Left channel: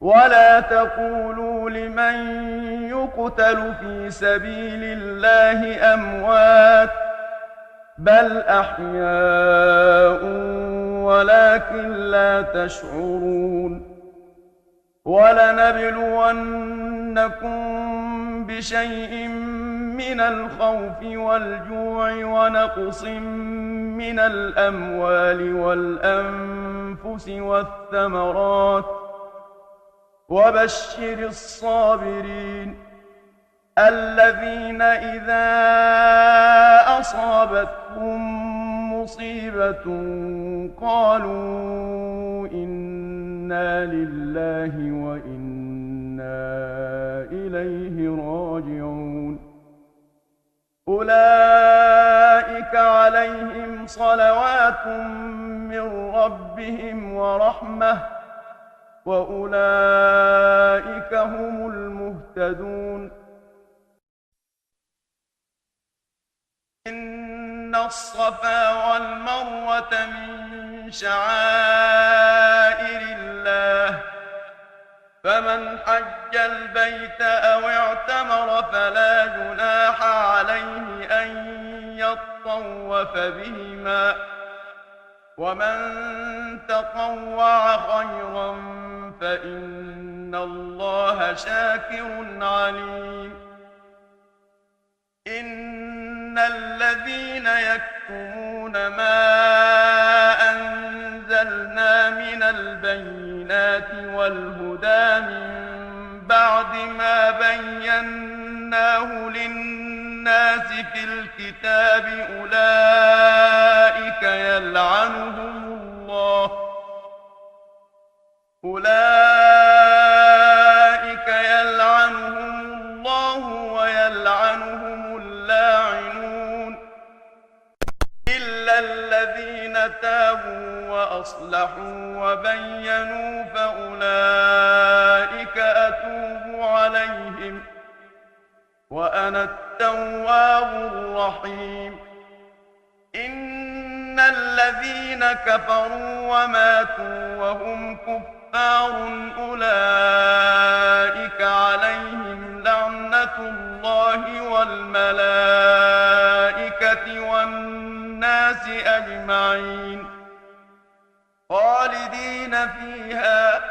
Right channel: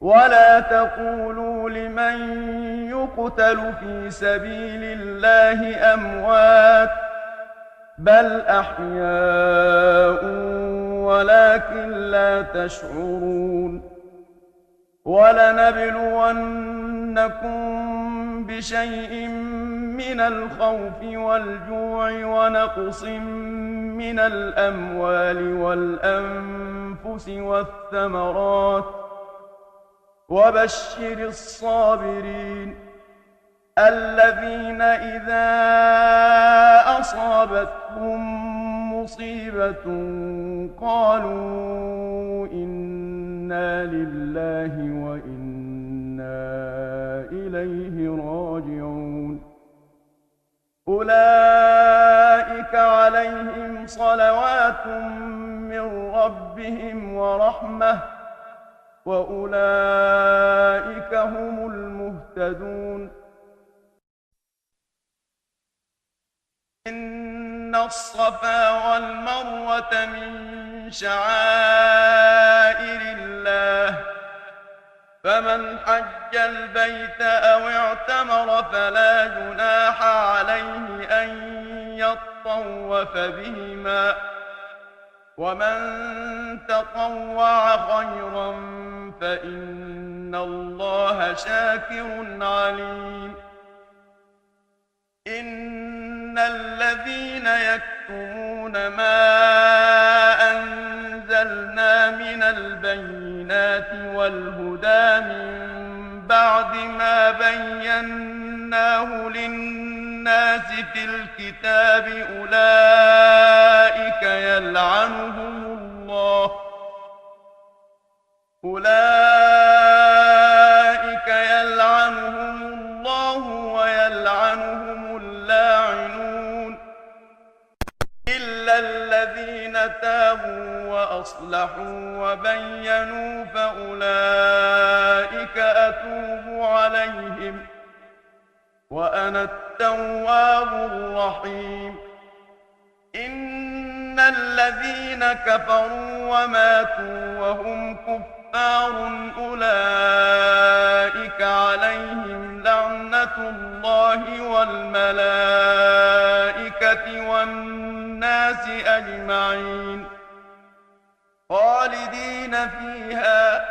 ولا تقولوا لمن يقتل في سبيل الله أموات بل أحياء ولكن لا تشعرون ولنبلونكم بشيء من الخوف والجوع ونقص من الأموال والأنفس والثمرات وبشر الصابرين الذين إذا أصابتهم مصيبة قالوا إنا لله وإنا إليه راجعون أولئك عليهم صلوات من ربهم ورحمة وأولئك هم المهتدون إن الصفا والمروة من شعائر الله فمن حج البيت أو اعتمر فلا جناح عليه أن يطوف بهما ومن تطوع خيرا فإن الله شاكر عليم إن الذين يكتمون ما أنزلنا من البينات والهدى من بعد ما بيناه للناس في الكتاب أولئك يلعنهم الله ويلعنهم اللاعنون إلا الذين تابوا وأصلحوا وبينوا فأولئك أتوب عليهم وأنا التواب الرحيم إن الذين كفروا وماتوا وهم كفار أولئك عليهم لعنة الله والملائكة والناس أجمعين خالدين فيها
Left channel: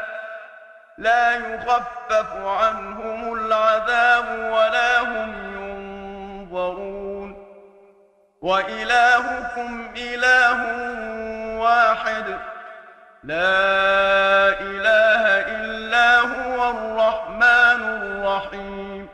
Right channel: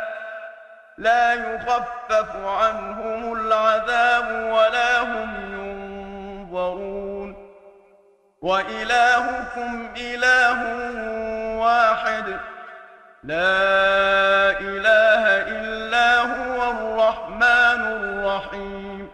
لا يخفف عنهم العذاب ولا هم ينظرون وإلهكم إله واحد لا إله إلا هو الرحمن الرحيم